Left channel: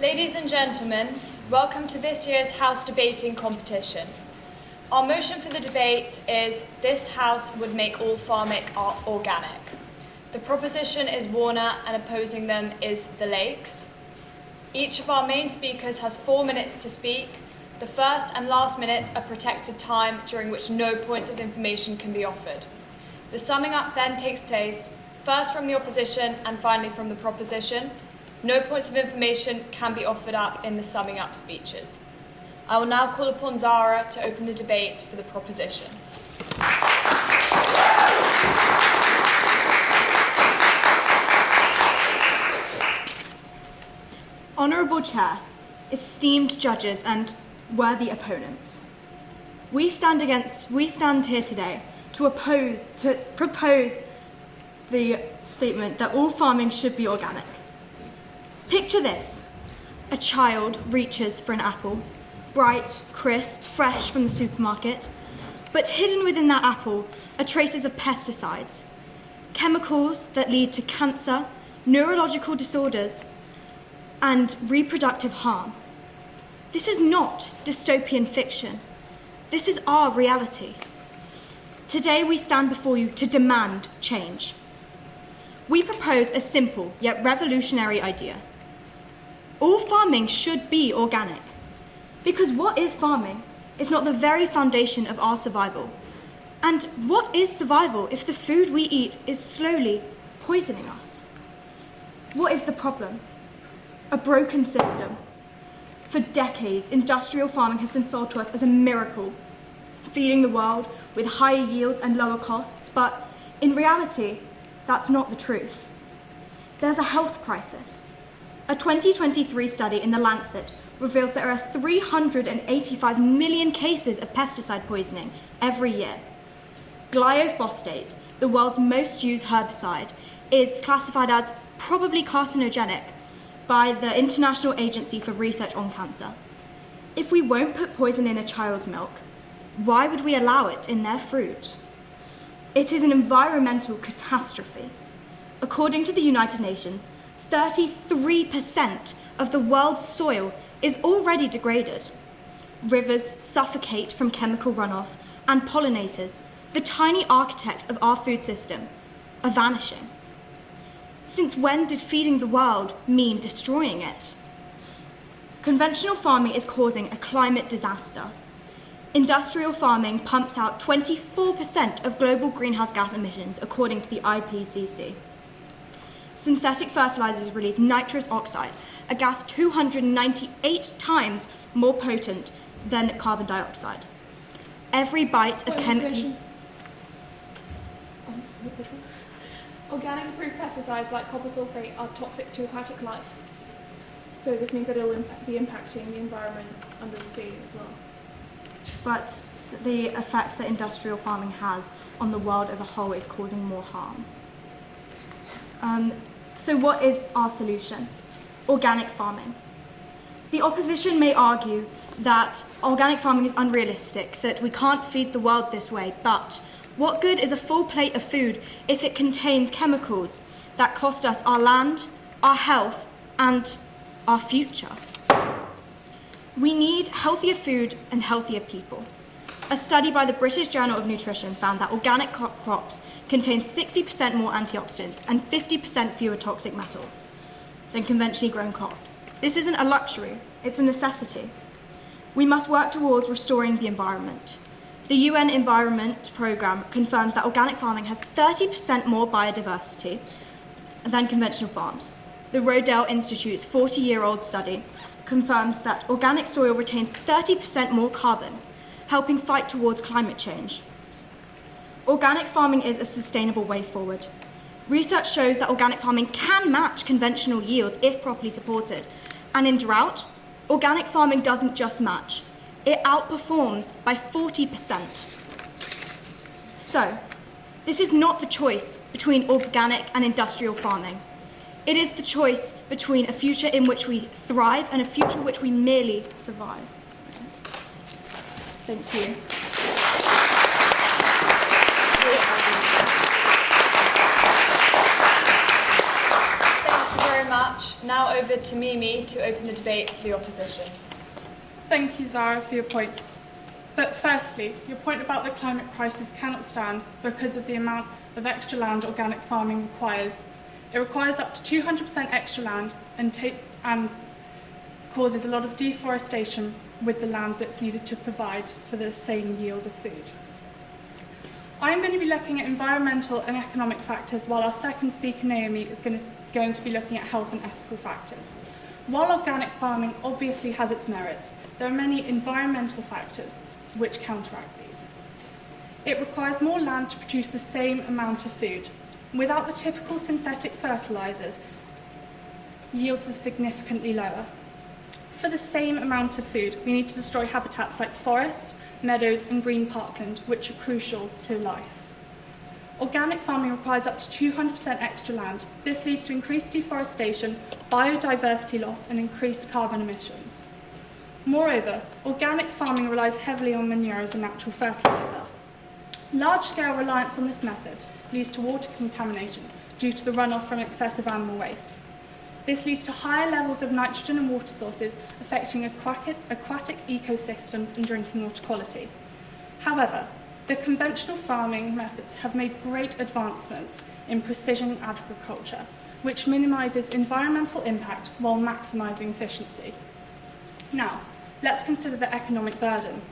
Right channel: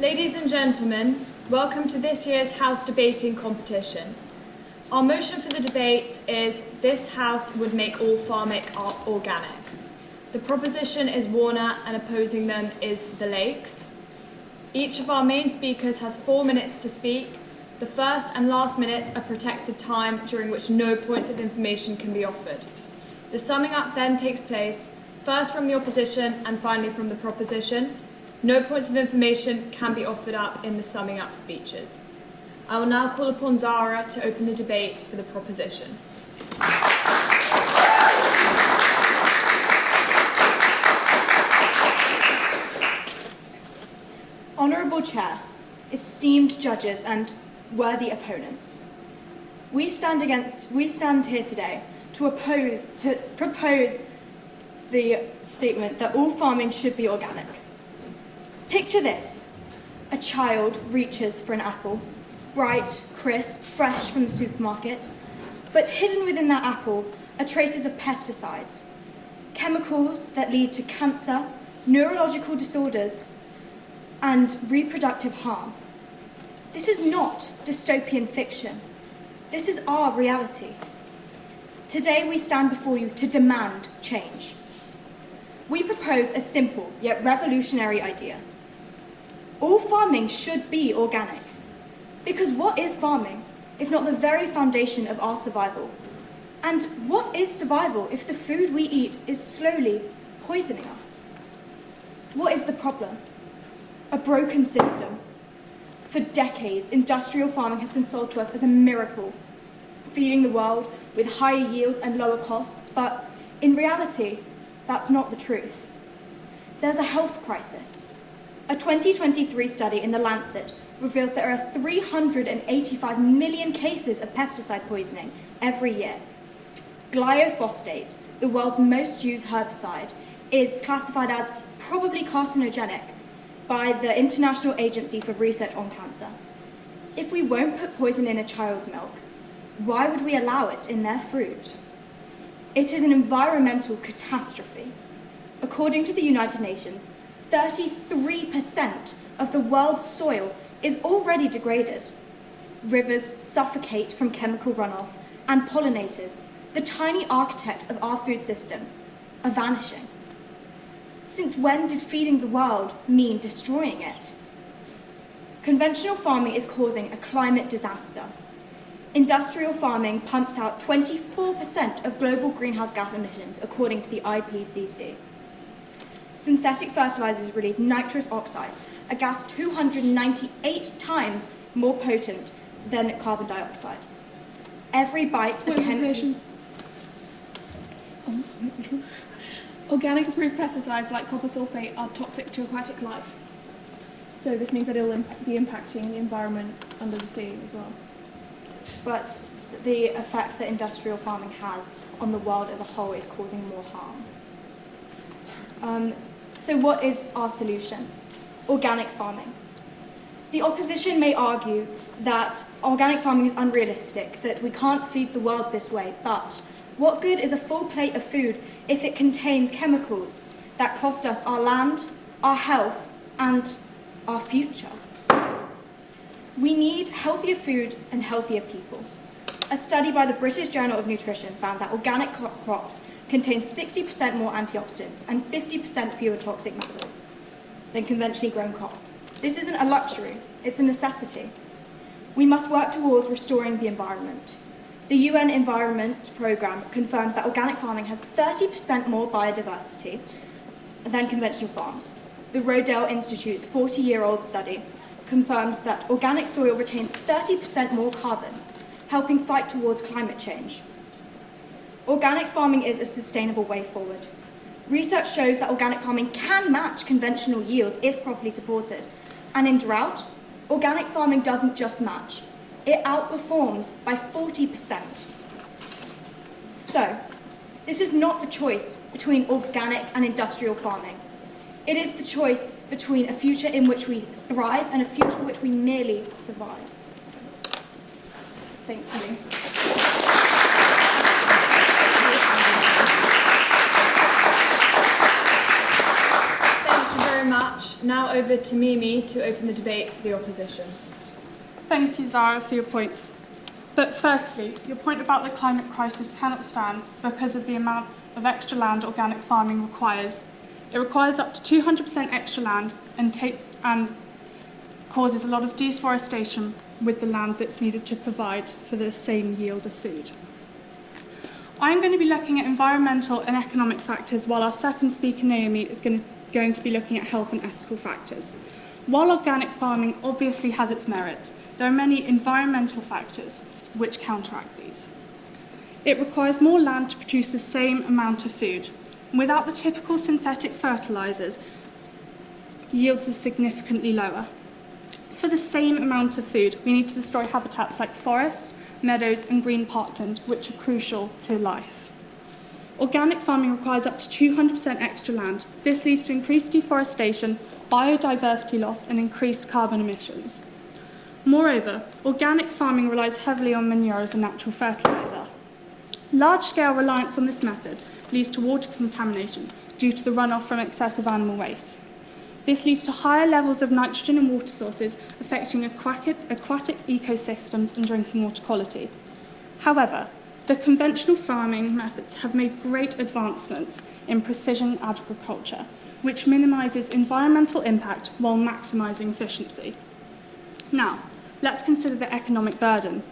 Ladies and gentlemen, welcome to this year's House debating competition. Our motion for the debate is this House would make all farming organic. The proposition is Warner and opposing them is the Lakes. Each of our main speakers has 4 minutes to speak. The first and last minutes are protected time during which no points of information can be offered. The summing up then takes place first from the opposition and finally from the proposition. No points of information can be offered up in the summing up speeches. I will now call upon Zara to open the debate for the proposition. Honourable Chair, esteemed judges and worthy opponents, we stand here today to propose the statement that all farming should be organic. Picture this: a child reaches for an apple, bright, crisp, fresh from the supermarket, but hidden within that apple are traces of pesticides, chemicals that lead to cancer, neurological disorders, and reproductive harm. This is not dystopian fiction. This is our reality. Today we stand before you to demand change. We propose a simple yet revolutionary idea. All farming should be organic. Because what is farming if not the very foundation of our survival? And what is survival if the food we eat is slowly poisoning us? What is the problem? A broken system. For decades, industrial farming has been sold to us as a miracle, feeding the world with higher yields and lower costs, but in reality, that's not the truth. There's a health crisis. A 2023 study in The Lancet reveals there are 385 million cases of pesticide poisoning every year. Glyphosate, the world's most used herbicide, is classified as probably carcinogenic by the International Agency for Research on Cancer. If we won't put poison in a child's milk, why would we allow it in their fruit? It is an environmental catastrophe. According to the United Nations, 33% of the world's soil is already degraded. Rivers suffocate from chemical runoff, and pollinators, the tiny architects of our food system, are vanishing. Since when did feeding the world mean destroying it? Conventional farming is causing a climate disaster. Industrial farming pumps out 24% of global greenhouse gas emissions, according to the IPCC. Synthetic fertilizers release nitrous oxide, a gas 298 times more potent than carbon dioxide. Every bite of chemical... Organic approved pesticides like copper sulfate are toxic to aquatic life. So this means that it will be impacting the environment under the sea as well. But the effect that industrial farming has on the world as a whole is causing more harm. So what is our solution? Organic farming. The opposition may argue that organic farming is unrealistic, that we can't feed the world this way, but what good is a full plate of food if it contains chemicals that cost us our land, our health, and our future? We need healthier food and healthier people. A study by the British Journal of Nutrition found that organic crops contain 60% more antioxidants and 50% fewer toxic metals than conventionally grown crops. This isn't a luxury, it's a necessity. We must work towards restoring the environment. The UN Environment Programme confirms that organic farming has 30% more biodiversity than conventional farms. The Rodale Institute's 40-year-old study confirms that organic soil retains 30% more carbon, helping fight towards climate change. Organic farming is a sustainable way forward. Research shows that organic farming can match conventional yields if properly supported. And in drought, organic farming doesn't just match, it outperforms by 40%. So, this is not the choice between organic and industrial farming. It is the choice between a future in which we thrive and a future in which we merely survive. Thank you. Thank you very very much. Now over to Mimi to open the debate for the opposition. Thank you, Zara, for your points. But firstly, your point about the climate crisis cannot stand because of the amount of extra land organic farming requires. It requires up to 200% extra land and causes a lot of deforestation with the land that's needed to provide for the same yield of food. I'm going to be looking at environmental and economic factors, while our second speaker, Naomi, is going to be looking at health and ethical factors. While organic farming obviously has its merits, there are many environmental factors which counteract these. It requires more land to produce the same amount of food. Without the typical synthetic fertilisers, yields are significantly lower. For the same amount of food, we need to destroy habitats like forests, meadows and green parkland, which are crucial to life. Organic farming requires up to 200% extra land. This leads to increased deforestation, biodiversity loss and increased carbon emissions. Moreover, organic farming relies heavily on manure as a natural fertiliser. Large-scale reliance on this method leads to water contamination due to the runoff from excessive animal waste. This leads to higher levels of nitrogen in water sources, affecting aquatic ecosystems and drinking water quality. However, the conventional farming methods have made great advancements in precision agriculture, which minimises environmental impact while maximising efficiency. Now, let's consider the economic burden.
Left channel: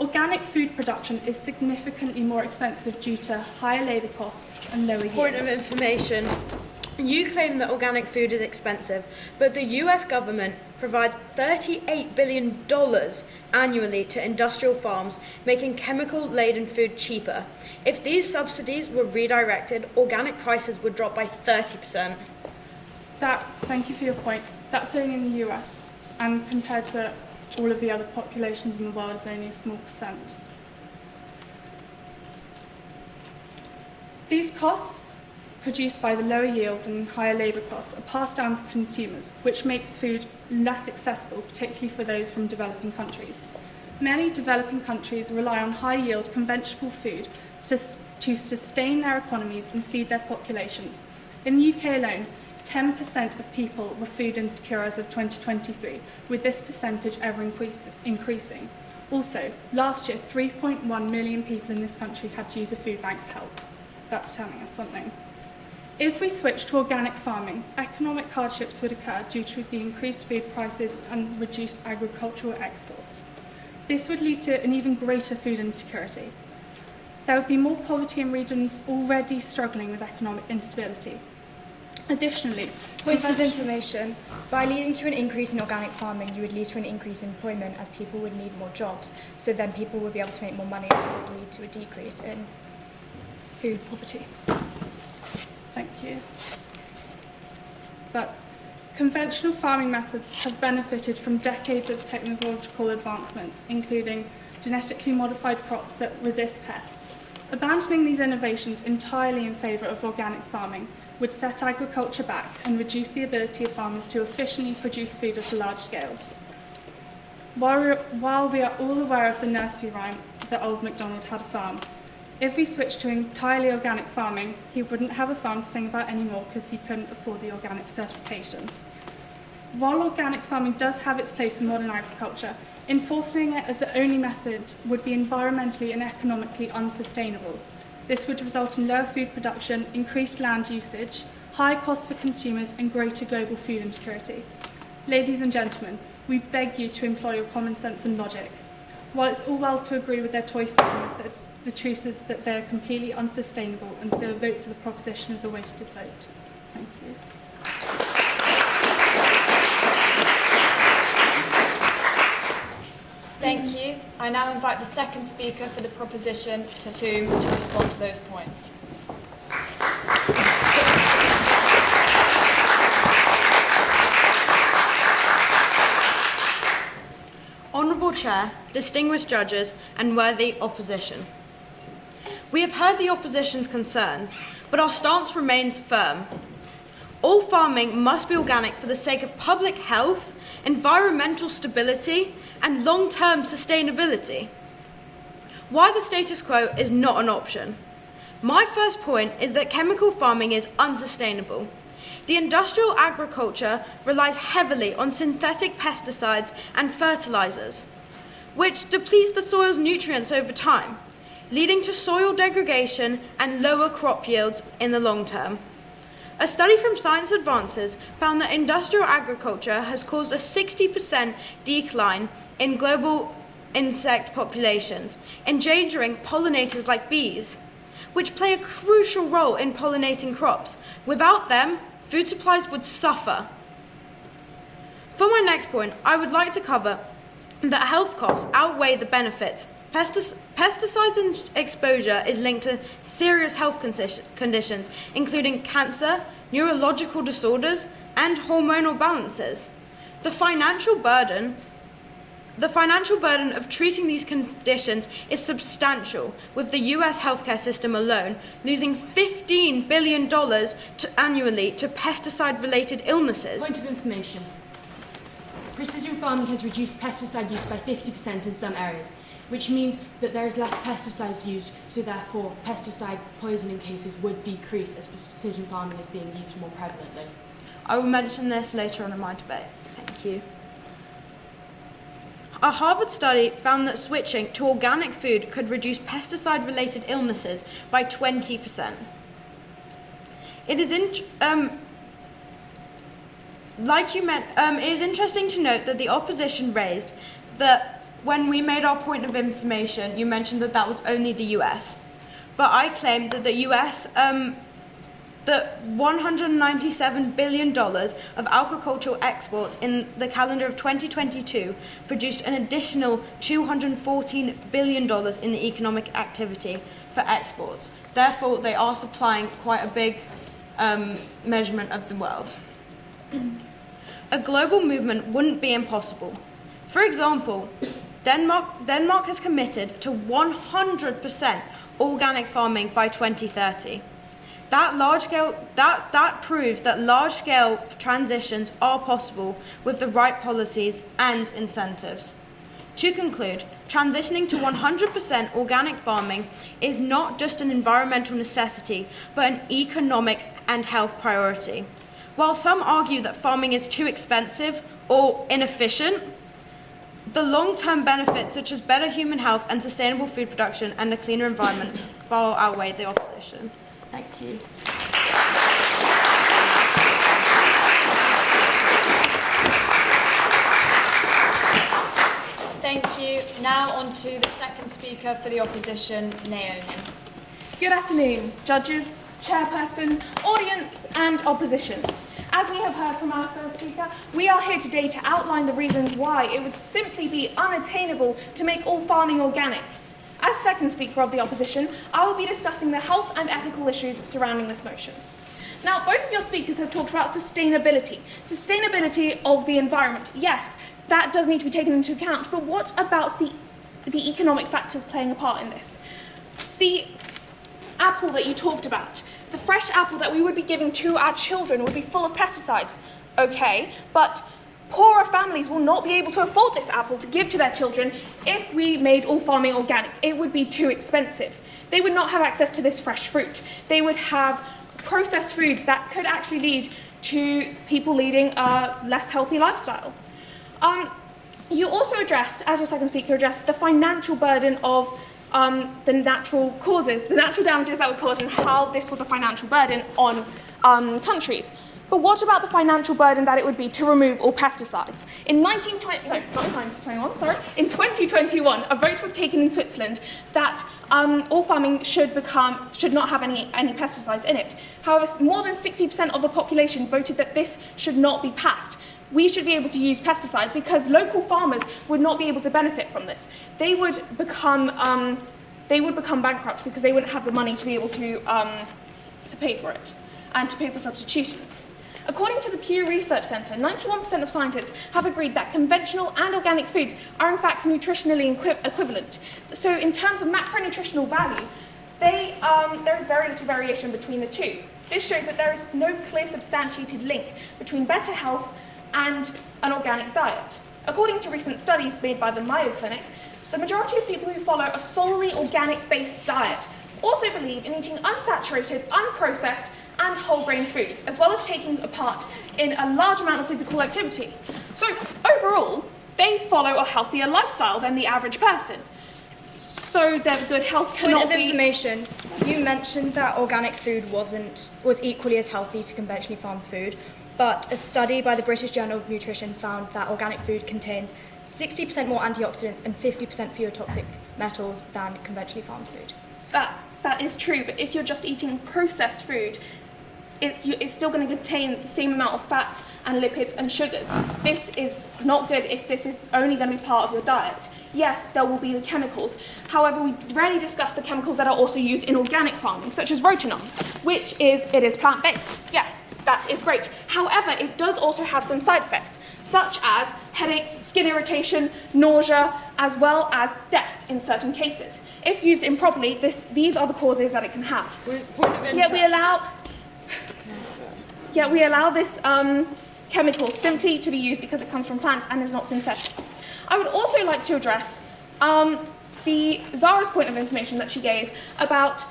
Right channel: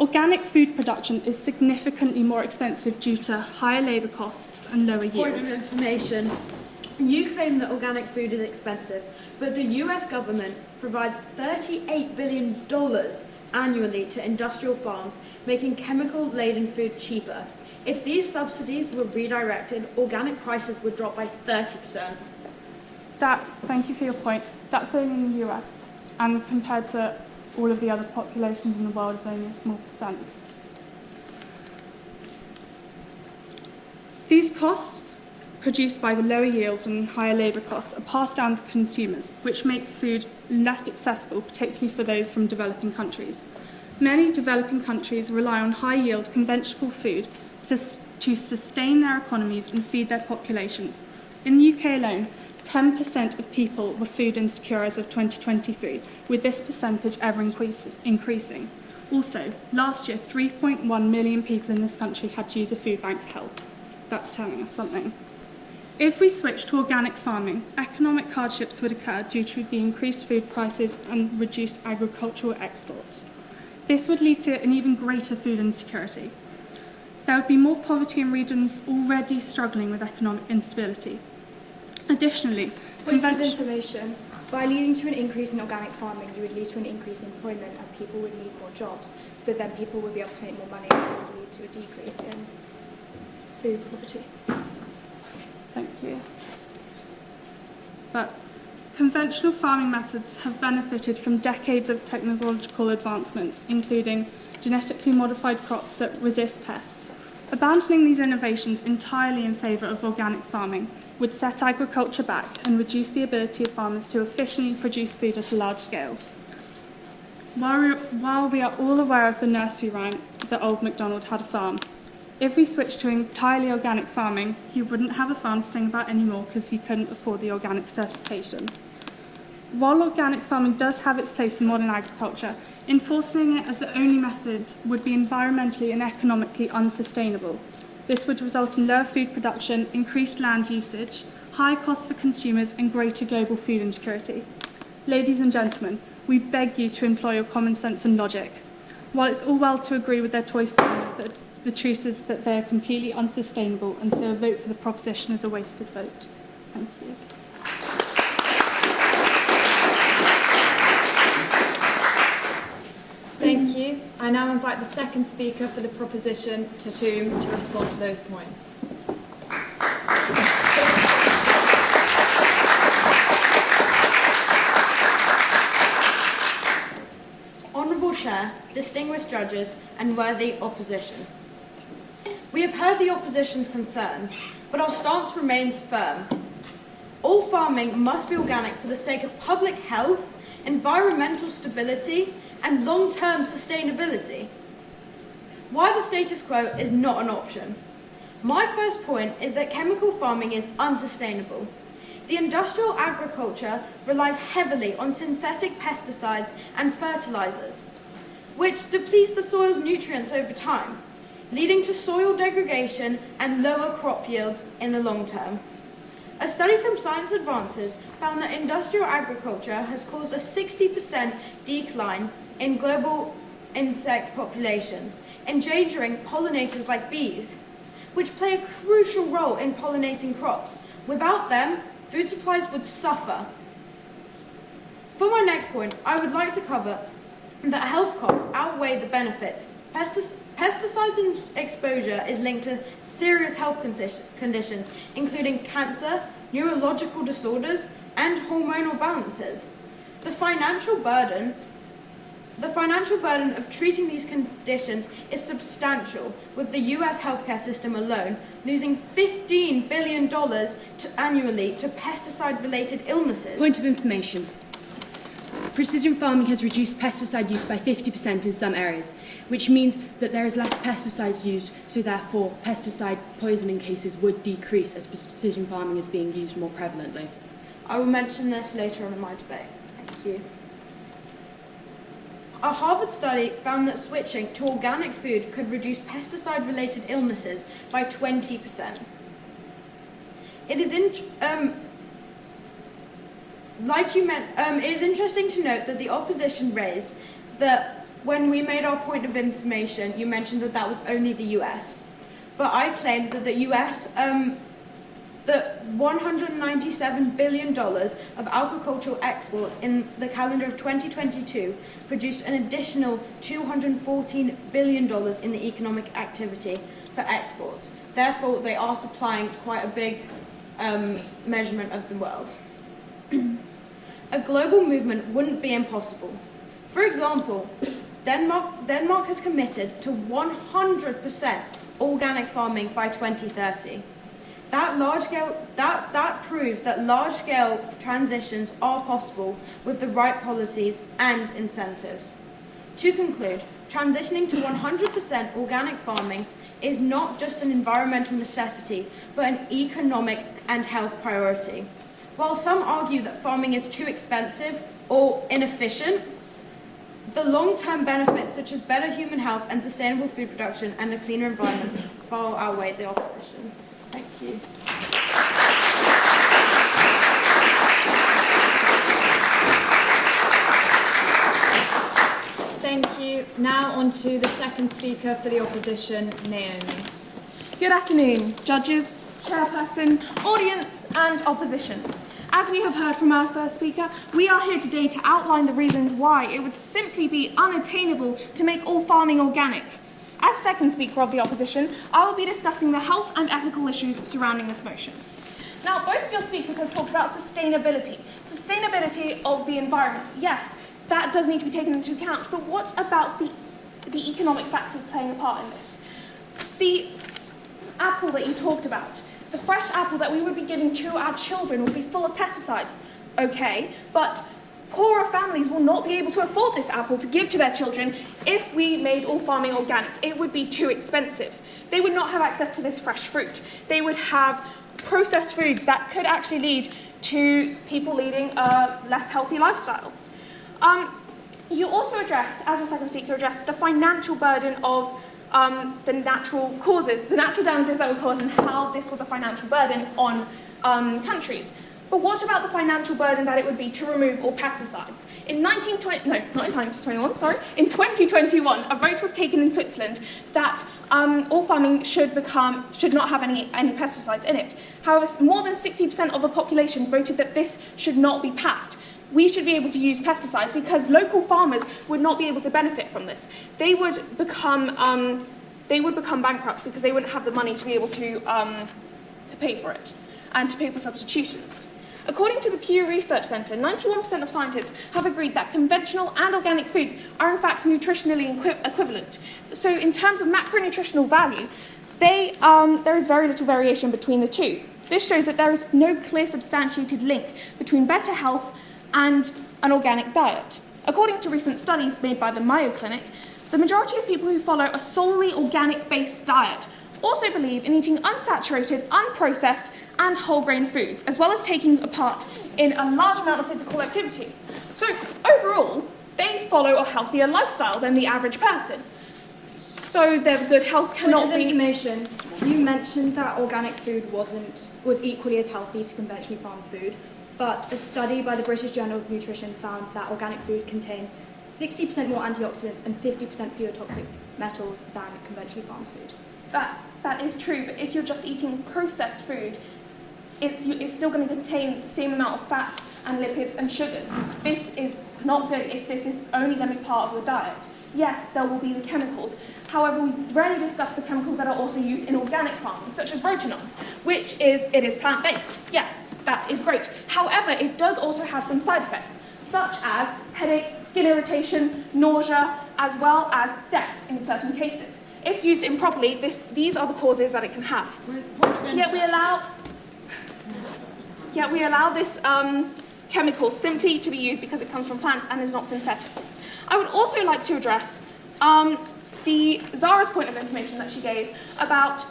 Organic food production is significantly more expensive due to higher labour costs and lower yields. Point of information. You claim that organic food is expensive, but the US government provides $38 billion annually to industrial farms, making chemical-laden food cheaper. If these subsidies were redirected, organic prices would drop by 30%. Thank you for your point. That's only in the US, and compared to all of the other populations in the world, is only a small percent. These costs, produced by the lower yields and higher labour costs, are passed down to consumers, which makes food less accessible, particularly for those from developing countries. Many developing countries rely on high-yield conventional food to sustain their economies and feed their populations. In the UK alone, 10% of people were food insecure as of 2023, with this percentage ever increasing. Also, last year, 3.1 million people in this country had to use a food bank for help. That's telling us something. If we switch to organic farming, economic hardships would occur due to the increased food prices and reduced agricultural exports. This would lead to an even greater food insecurity. There would be more poverty in regions already struggling with economic instability. Additionally, Points of information. By leading to an increase in organic farming, you would lead to an increase in employment as people would need more jobs. So then people would be able to make more money and it would lead to a decrease in food poverty. Thank you. But conventional farming methods have benefited from decades of technological advancements, including genetically modified crops that resist pests. Abandoning these innovations entirely in favour of organic farming would set agriculture back and reduce the ability of farmers to efficiently produce food at a large scale. While we are all aware of the nursery rhyme that Old MacDonald had a farm, if we switched to entirely organic farming, he wouldn't have a farm to sing about anymore because he couldn't afford the organic certification. While organic farming does have its place in modern agriculture, enforcing it as the only method would be environmentally and economically unsustainable. This would result in lower food production, increased land usage, high costs for consumers, and greater global food insecurity. Ladies and gentlemen, we beg you to employ your common sense and logic. While it's all well to agree with their toy farm methods, the truth is that they are completely unsustainable, and so vote for the proposition of the wasted vote. Thank you. Thank you. I now invite the second speaker for the proposition, Tatum, to respond to those points. Honourable Chair, distinguished judges and worthy opposition. We have heard the opposition's concerns, but our stance remains firm. All farming must be organic for the sake of public health, environmental stability, and long-term sustainability. Why the status quo is not an option. My first point is that chemical farming is unsustainable. the industrial agriculture relies heavily on synthetic pesticides and fertilizers, which depletes the soil's nutrients over time, leading to soil degradation and lower crop yields in the long term. A study from Science Advances found that industrial agriculture has caused a 60% decline in global insect populations, endangering pollinators like bees, which play a crucial role in pollinating crops. Without them, food supplies would suffer. For my next point, I would like to cover that health costs outweigh the benefits. Pesticides exposure is linked to serious health conditions, including cancer, neurological disorders, and hormonal balances. The financial burden of treating these conditions is substantial, with the US healthcare system alone losing $15 billion annually to pesticide-related illnesses. Point of information. Precision farming has reduced pesticide use by 50% in some areas, which means that there is less pesticides used, so therefore pesticide poisoning cases would decrease as precision farming is being used more prevalently. I will mention this later on in my debate. Thank you. A Harvard study found that switching to organic food could reduce pesticide-related illnesses by 20%. It is interesting to note that the opposition raised that when we made our point of information, you mentioned that that was only the US. But I claimed that the US, that $197 billion of agricultural exports in the calendar of 2022 produced an additional $214 billion in the economic activity for exports. Therefore, they are supplying quite a big measurement of the world. A global movement wouldn't be impossible. For example, Denmark has committed to 100% organic farming by 2030. That proves that large-scale transitions are possible with the right policies and incentives. To conclude, transitioning to 100% organic farming is not just an environmental necessity, but an economic and health priority. While some argue that farming is too expensive or inefficient, the long-term benefits such as better human health and sustainable food production and a cleaner environment far outweigh the opposition. Thank you. Thank you. Now on to the second speaker for the opposition, Naomi. Good afternoon, judges, chairperson, audience, and opposition. As we have heard from our first speaker, we are here today to outline the reasons why it would simply be unattainable to make all farming organic. As second speaker of the opposition, I will be discussing the health and ethical issues surrounding this motion. Now, both of your speakers have talked about sustainability. Sustainability of the environment. Yes, that does need to be taken into account, but what about the economic factors playing a part in this? The apple that you talked about, the fresh apple that we would be giving to our children would be full of pesticides. Okay, but poorer families will not be able to afford this apple to give to their children if we made all farming organic. It would be too expensive. They would not have access to this fresh fruit. They would have processed foods that could actually lead to people leading a less healthy lifestyle. You also addressed, as your second speaker addressed, the financial burden of the natural causes, the natural damages that would cause, and how this was a financial burden on countries. But what about the financial burden that it would be to remove all pesticides? In 2021, a vote was taken in Switzerland that all farming should not have any pesticides in it. However, more than 60% of the population voted that this should not be passed. We should be able to use pesticides because local farmers would not be able to benefit from this. They would become bankrupt because they wouldn't have the money to be able to pay for it and to pay for substitutions. According to the Pew Research Centre, 91% of scientists have agreed that conventional and organic foods are in fact nutritionally equivalent. So in terms of macronutritional value, there is very little variation between the two. This shows that there is no clear substantiated link between better health and an organic diet. According to recent studies made by the Mayo Clinic, the majority of people who follow a solely organic-based diet also believe in eating unsaturated, unprocessed, and whole grain foods, as well as taking part in a large amount of physical activity. So overall, they follow a healthier lifestyle than the average person. So their good health cannot Point of be... information, you mentioned that organic food was equally as healthy to conventionally farmed food, but a study by the British Journal of Nutrition found that organic food contains 60% more antioxidants and 50% fewer toxic metals than conventionally farmed food. That is true, but if you're just eating processed food, it's still going to contain the same amount of fats and lipids and sugars. This is not good if this is only going to be part of your diet. Yes, there will be the chemicals. However, we rarely discuss the chemicals that are also used in organic farming, such as rotenone, which is plant-based. Yes, that is great. However, it does also have some side effects, such as headaches, skin irritation, nausea, as well as death in certain cases. If used improperly, these are the causes that it can have. Yet we allow this chemical simply to be used because it comes from plants and is not synthetic. I would also like to address Zara's point of information that she gave about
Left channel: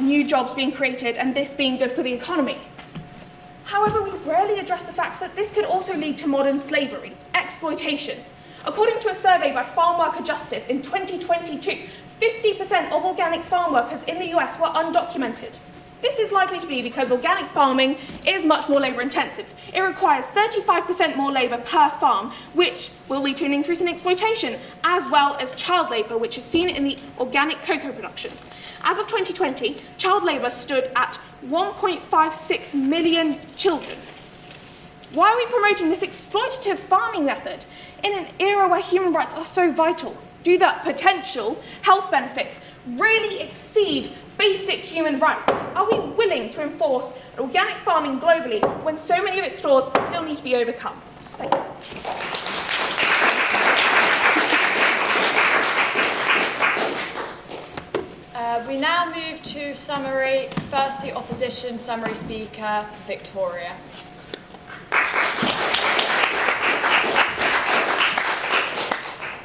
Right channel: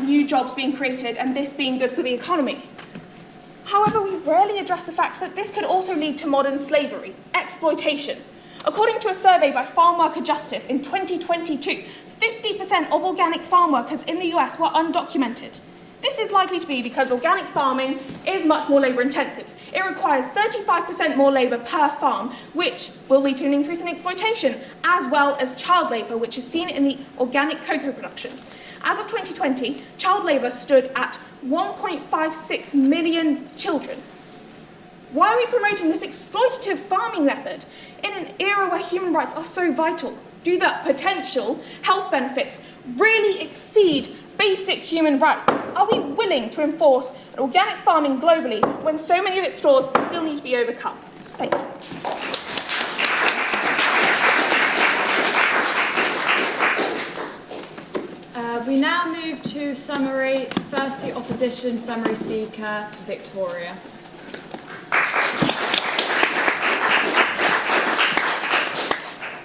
new jobs being created and this being good for the economy. However, we rarely address the fact that this could also lead to modern slavery, exploitation. According to a survey by Farm Worker Justice in 2022, 50% of organic farm workers in the US were undocumented. This is likely to be because organic farming is much more labour intensive. It requires 35% more labour per farm, which will lead to an increase in exploitation, as well as child labour, which is seen in the organic cocoa production. As of 2020, child labour stood at 1.56 million children. Why are we promoting this exploitative farming method in an era where human rights are so vital? Do the potential health benefits really exceed basic human rights? Are we willing to enforce organic farming globally when so many of its flaws still need to be overcome? Thank you. We now move to summary. First, the opposition summary speaker, Victoria.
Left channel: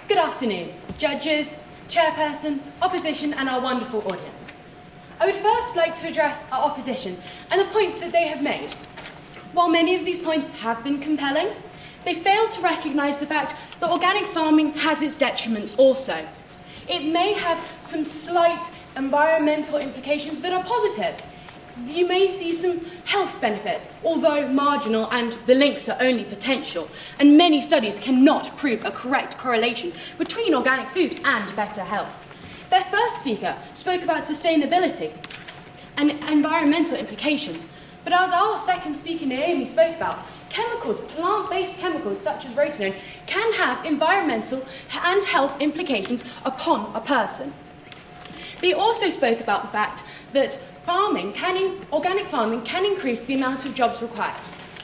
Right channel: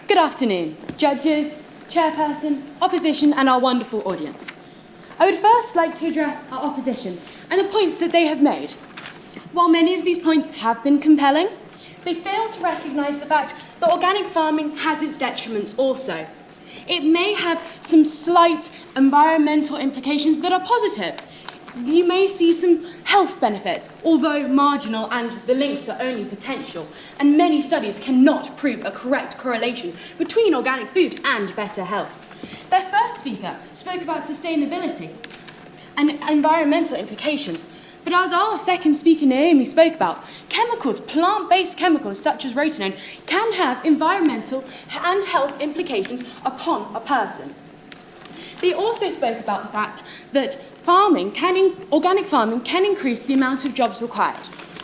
Good afternoon, judges, chairperson, opposition and our wonderful audience. I would first like to address our opposition and the points that they have made. While many of these points have been compelling, they fail to recognise the fact that organic farming has its detriments also. It may have some slight environmental implications that are positive. You may see some health benefits, although marginal, and the links are only potential, and many studies cannot prove a correct correlation between organic food and better health. Their first speaker spoke about sustainability and environmental implications, but as our second speaker, Naomi, spoke about, chemicals, plant-based chemicals such as rotenone, can have environmental and health implications upon a person. They also spoke about the fact that organic farming can increase the amount of jobs required.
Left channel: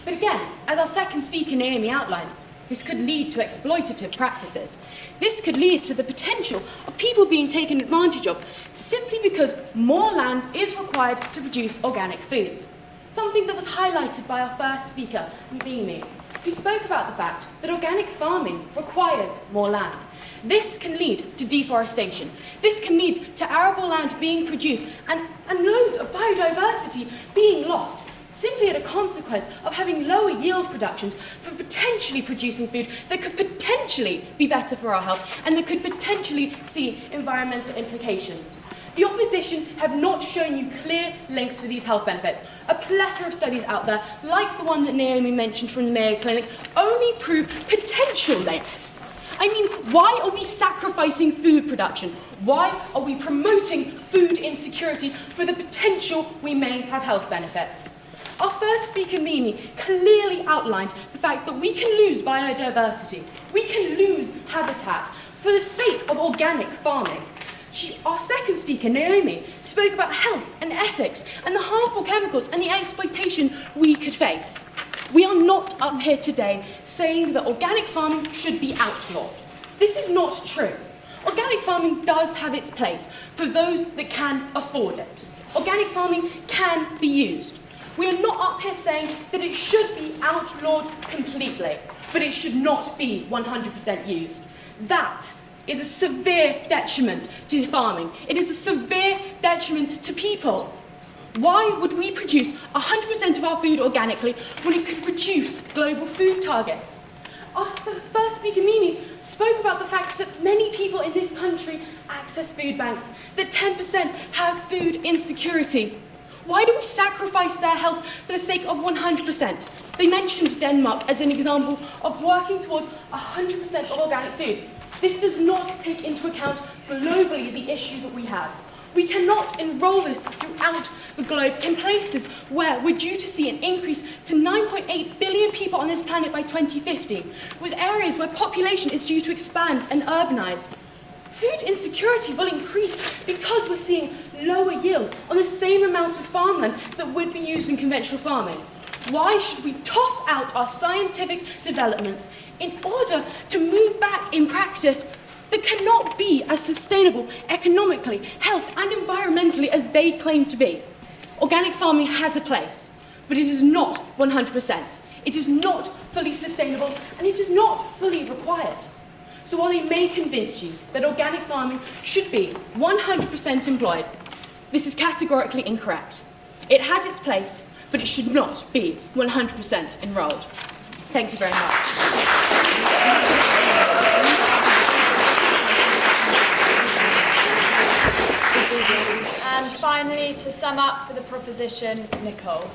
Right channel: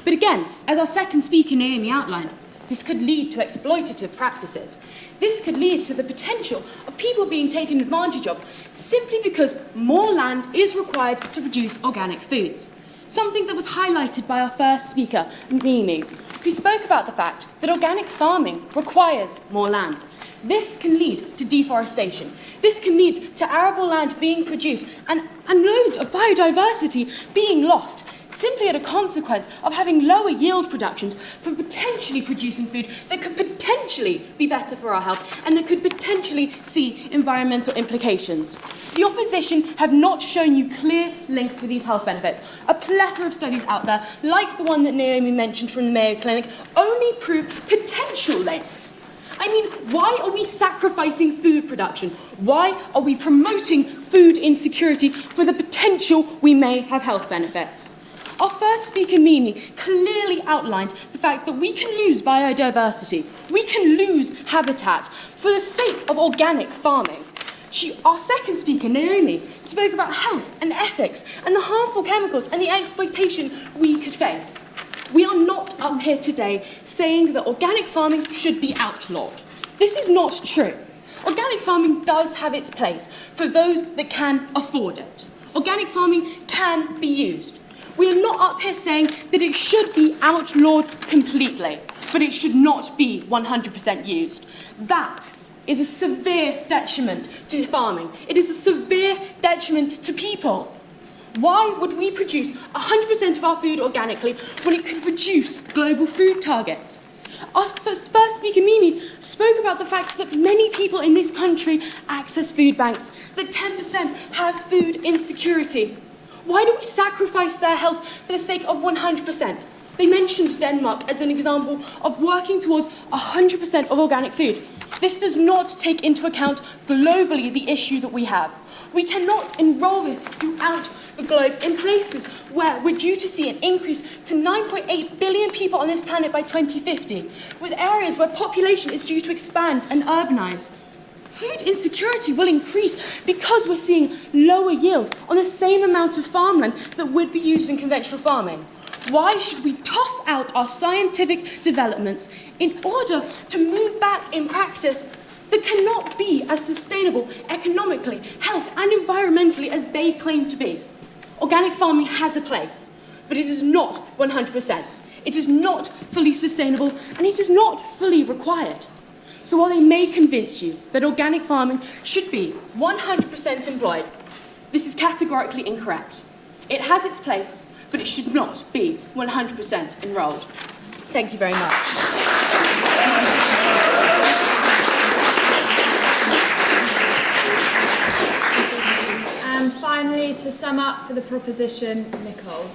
But again, as our second speaker, Naomi, outlined, this could lead to exploitative practices. This could lead to the potential of people being taken advantage of simply because more land is required to produce organic foods. Something that was highlighted by our first speaker, Naomi, who spoke about the fact that organic farming requires more land. This can lead to deforestation. This can lead to arable land being produced and loads of biodiversity being lost, simply as a consequence of having lower yield productions for potentially producing food that could potentially be better for our health and that could potentially see environmental implications. The opposition have not shown you clear links for these health benefits. A plethora of studies out there, like the one that Naomi mentioned from the Mayo Clinic, only prove potential links. I mean, why are we sacrificing food production? Why are we promoting food insecurity for the potential we may have health benefits? Our first speaker, Mimi, clearly outlined the fact that we can lose biodiversity, we can lose habitat for the sake of organic farming. Our second speaker, Naomi, spoke about health and ethics and the harmful chemicals and the exploitation we could face. We are not up here today saying that organic farming should be outlawed. This is not true. Organic farming does have its place for those that can afford it. Organic farming can be used. We are not up here saying that it should be outlawed completely, but it should not be 100% used. That is a severe detriment to farming. It is a severe detriment to people. Why would we produce 100% of our food organically when it could reduce global food targets? Our first speaker, Mimi, spoke about the fact that many people in this country access food banks, that 10% have food insecurity. Why do we sacrifice their health for the sake of 100%? They mentioned Denmark as an example of working towards 100% of organic food. This does not take into account globally the issue that we have. We cannot enroll this throughout the globe in places where we're due to see an increase to 9.8 billion people on this planet by 2050, with areas where population is due to expand and urbanise. Food insecurity will increase because we're seeing lower yield on the same amount of farmland that would be used in conventional farming. Why should we toss out our scientific developments in order to move back in practice that cannot be as sustainable economically, health and environmentally as they claim to be? Organic farming has a place, but it is not 100%. It is not fully sustainable and it is not fully required. So while they may convince you that organic farming should be 100% employed, this is categorically incorrect. It has its place, but it should not be 100% enrolled. Thank you very much. And finally, to sum up for the proposition, Nicole.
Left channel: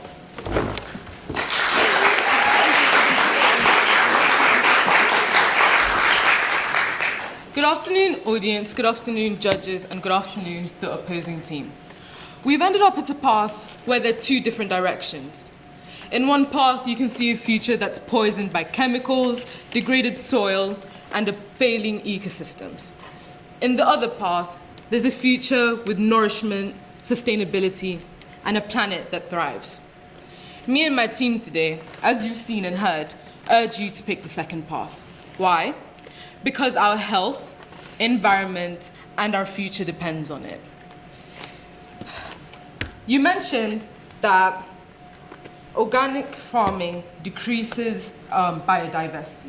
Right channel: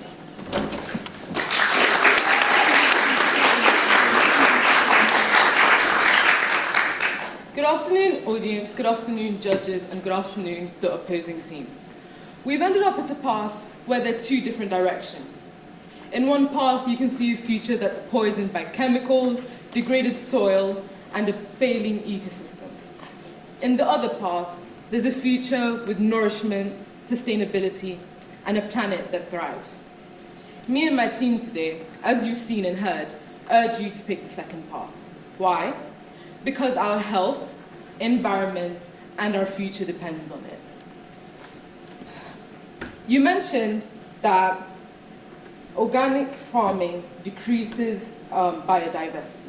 Good afternoon, audience, good afternoon, judges, and good afternoon, the opposing team. We've ended up at a path where there are two different directions. In one path, you can see a future that's poisoned by chemicals, degraded soil, and a failing ecosystems. In the other path, there's a future with nourishment, sustainability, and a planet that thrives. Me and my team today, as you've seen and heard, urge you to pick the second path. Why? Because our health, environment, and our future depends on it. You mentioned that organic farming decreases biodiversity,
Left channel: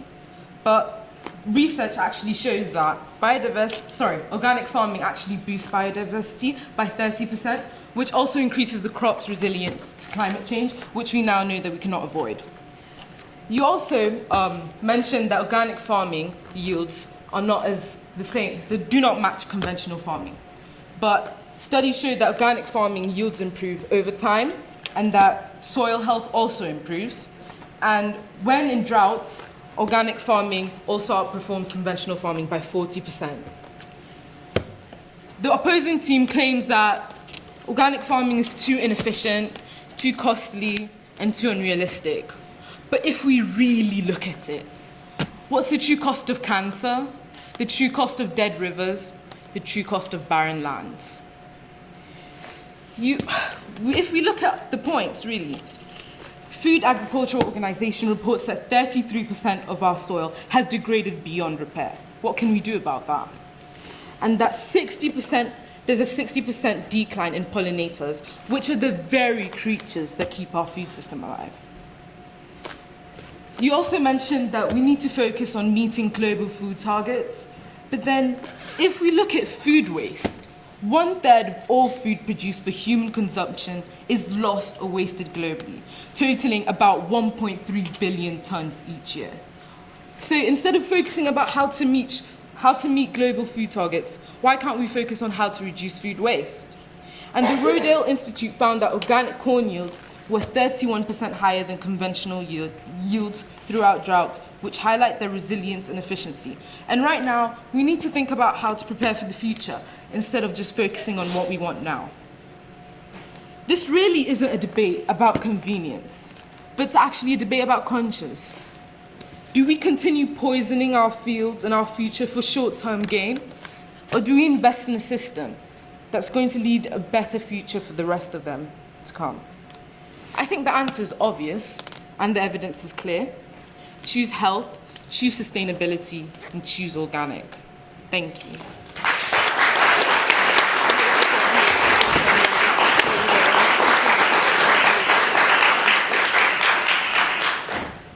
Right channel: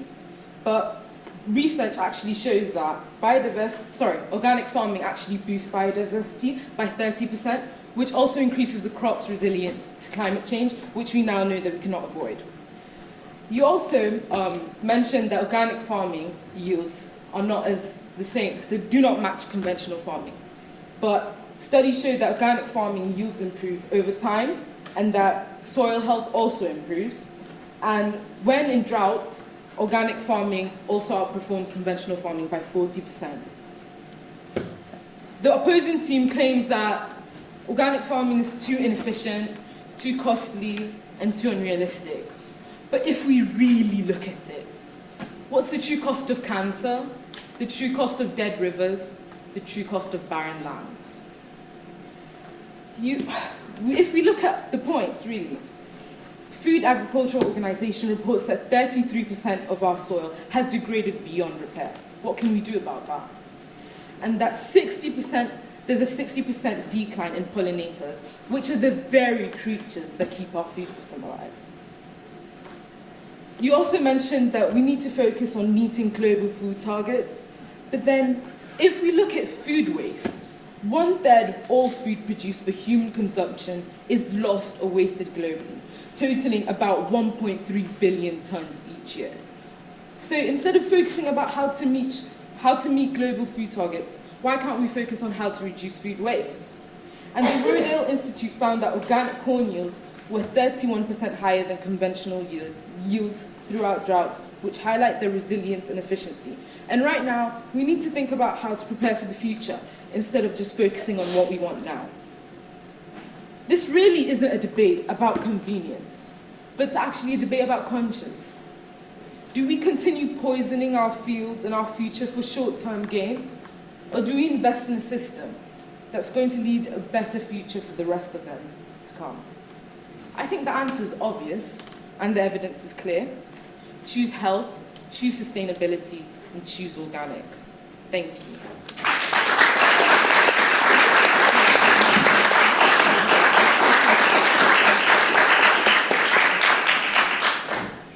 but research actually shows that organic farming actually boosts biodiversity by 30%, which also increases the crop's resilience to climate change, which we now know that we cannot avoid. You also mentioned that organic farming yields are not as the same, they do not match conventional farming. But studies show that organic farming yields improve over time and that soil health also improves. And when in droughts, organic farming also outperforms conventional farming by 40%. The opposing team claims that organic farming is too inefficient, too costly, and too unrealistic. But if we really look at it, what's the true cost of cancer, the true cost of dead rivers, the true cost of barren lands? If we look at the points, really, Food Agricultural Organization reports that 33% of our soil has degraded beyond repair. What can we do about that? And that there's a 60% decline in pollinators, which are the very creatures that keep our food system alive. You also mentioned that we need to focus on meeting global food targets, but then if we look at food waste, 1/3 of all food produced for human consumption is lost or wasted globally, totaling about 1.3 billion tons each year. So instead of focusing about how to meet global food targets, why can't we focus on how to reduce food waste? And the Rodale Institute found that organic corn yields were 31% higher than conventional yields throughout drought, which highlight their resilience and efficiency. And right now, we need to think about how to prepare for the future instead of just focusing on what we want now. This really isn't a debate about convenience, but it's actually a debate about conscience. Do we continue poisoning our fields and our future for short-term gain? Or do we invest in a system that's going to lead a better future for the rest of them to come? I think the answer is obvious, and the evidence is clear. Choose health, choose sustainability, and choose organic. Thank you.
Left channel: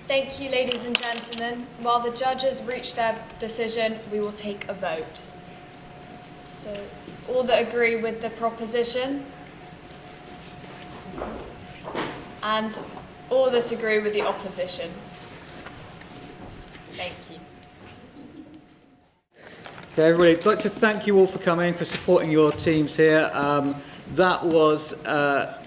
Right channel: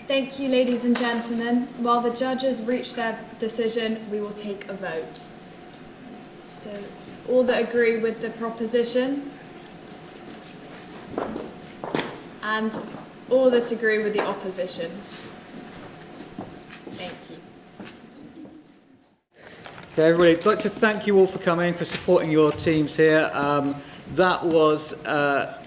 Thank you, ladies and gentlemen. While the judges reach their decision, we will take a vote. So, all that agree with the proposition? And all that agree with the opposition. Thank you. Okay, everybody, I'd like to thank you all for coming, for supporting your teams here. That was a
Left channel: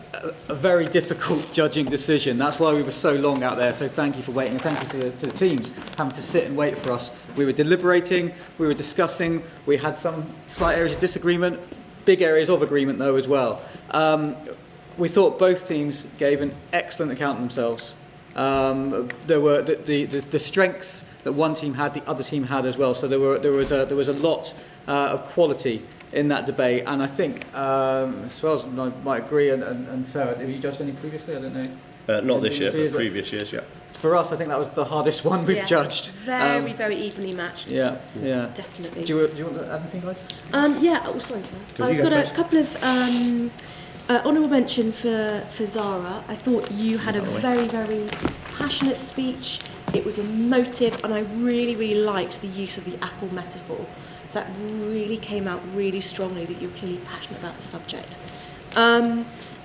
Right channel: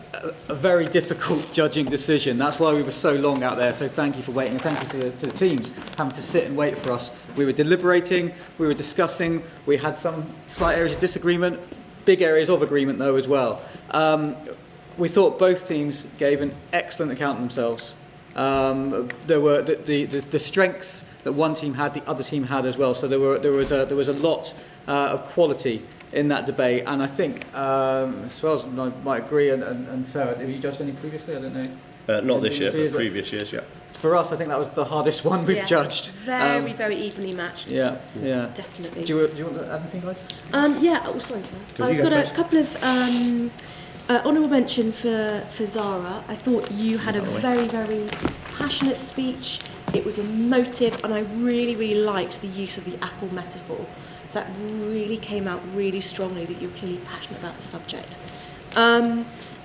very difficult judging decision. That's why we were so long out there. So thank you for waiting, and thank you to the teams having to sit and wait for us. We were deliberating, we were discussing, we had some slight areas of disagreement, big areas of agreement though as well. We thought both teams gave an excellent account of themselves. There were the strengths that one team had, the other team had as well. So there was a lot of quality in that debate, and I think as well as I might agree, and Sarah, have you judged any previously? I don't know. Not this year, but previous years, yeah. For us, I think that was the hardest one we've judged. Very evenly matched. Yeah. Definitely. Do you want to add anything, guys? Sorry. I've got a couple of honourable mention for Zara. I thought you had a very, very passionate speech. It was emotive, and I really, really liked the use of the apple metaphor. So that really came out really strongly that you're clearly passionate about the subject.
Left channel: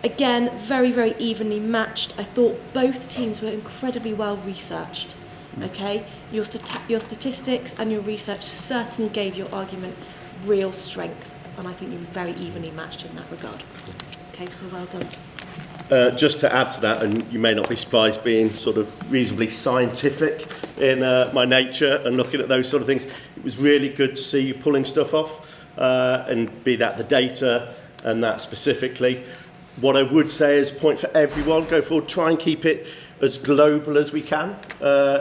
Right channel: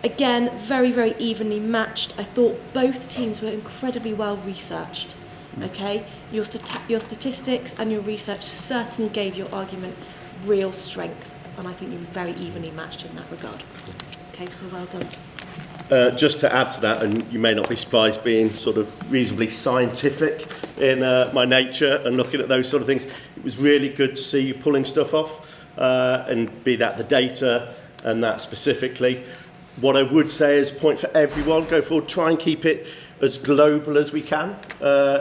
Again, very, very evenly matched. I thought both teams were incredibly well researched. Okay, your statistics and your research certainly gave your argument real strength, and I think you were very evenly matched in that regard. Okay, so well done. Just to add to that, and you may not be surprised being sort of reasonably scientific in my nature and looking at those sort of things, it was really good to see you pulling stuff off, and be that the data and that specifically. What I would say is point for everyone, go forward, try and keep it as global as we can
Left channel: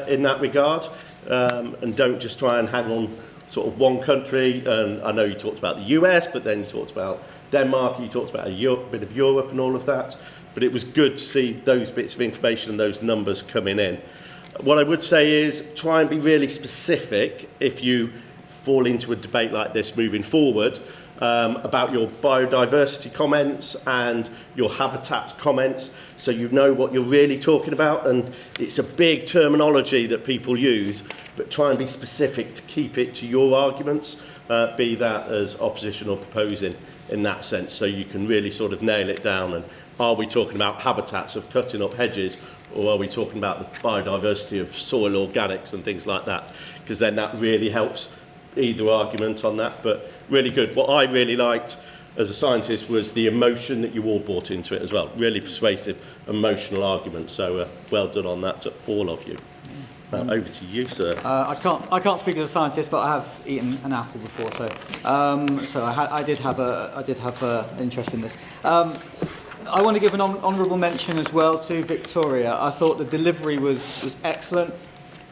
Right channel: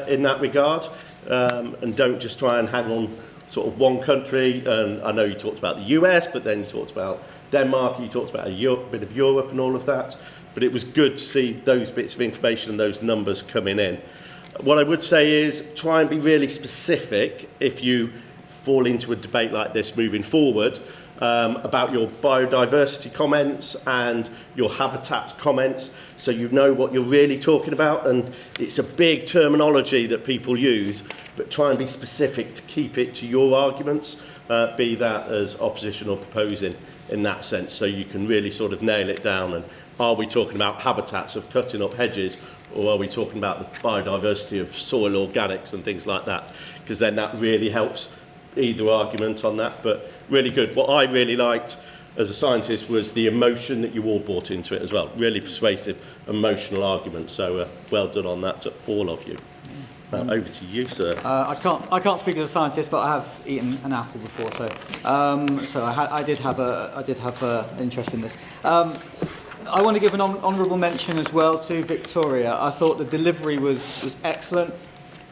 in that regard, and don't just try and hang on sort of one country. And I know you talked about the US, but then you talked about Denmark, you talked about a bit of Europe and all of that. But it was good to see those bits of information and those numbers coming in. What I would say is try and be really specific if you fall into a debate like this moving forward, about your biodiversity comments and your habitats comments, so you know what you're really talking about. And it's a big terminology that people use, but try and be specific to keep it to your arguments, be that as opposition or proposing in that sense, so you can really sort of nail it down. And are we talking about habitats of cutting up hedges, or are we talking about the biodiversity of soil organics and things like that? Because then that really helps either argument on that. But really good. What I really liked as a scientist was the emotion that you all brought into it as well. Really persuasive, emotional argument. So well done on that to all of you. Over to you, sir. I can't speak as a scientist, but I have eaten an apple before, so I did have an interest in this. I want to give an honourable mention as well to Victoria. I thought the delivery was excellent.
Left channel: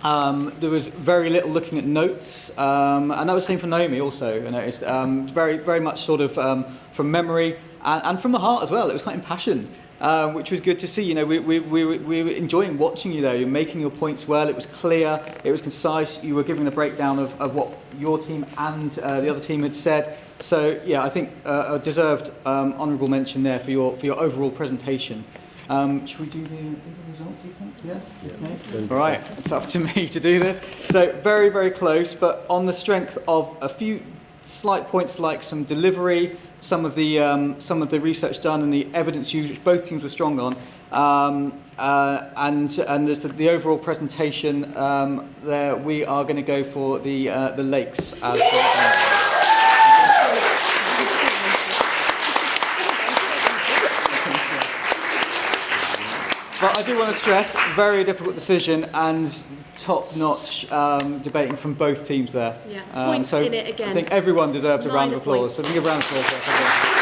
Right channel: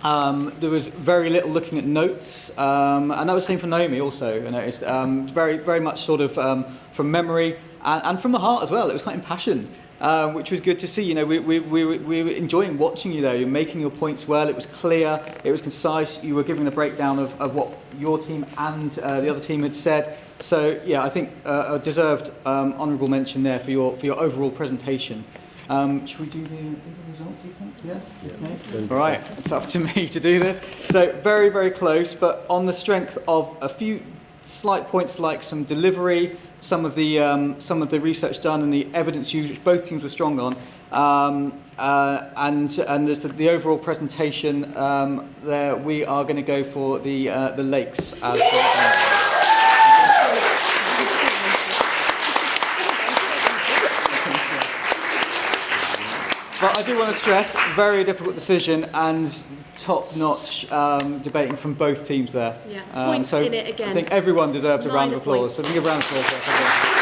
There was very little looking at notes, and that was the same for Naomi also. I noticed very, very much sort of from memory and from the heart as well. It was quite impassioned, which was good to see. You know, we were enjoying watching you there. You're making your points well. It was clear. It was concise. You were giving a breakdown of what your team and the other team had said. So yeah, I think a deserved honourable mention there for your overall presentation. Should we do the result, do you think? Yeah? All right, it's up to me to do this. So very, very close, but on the strength of a few slight points like some delivery, some of the research done and the evidence used, which both teams were strong on, and the overall presentation, there we are going to go for the lakes as But I do want to stress, very difficult decision and top-notch debating from both teams there. Yeah, points so in it again. I think everyone deserves a round of applause. Points. So give a round of applause for everyone.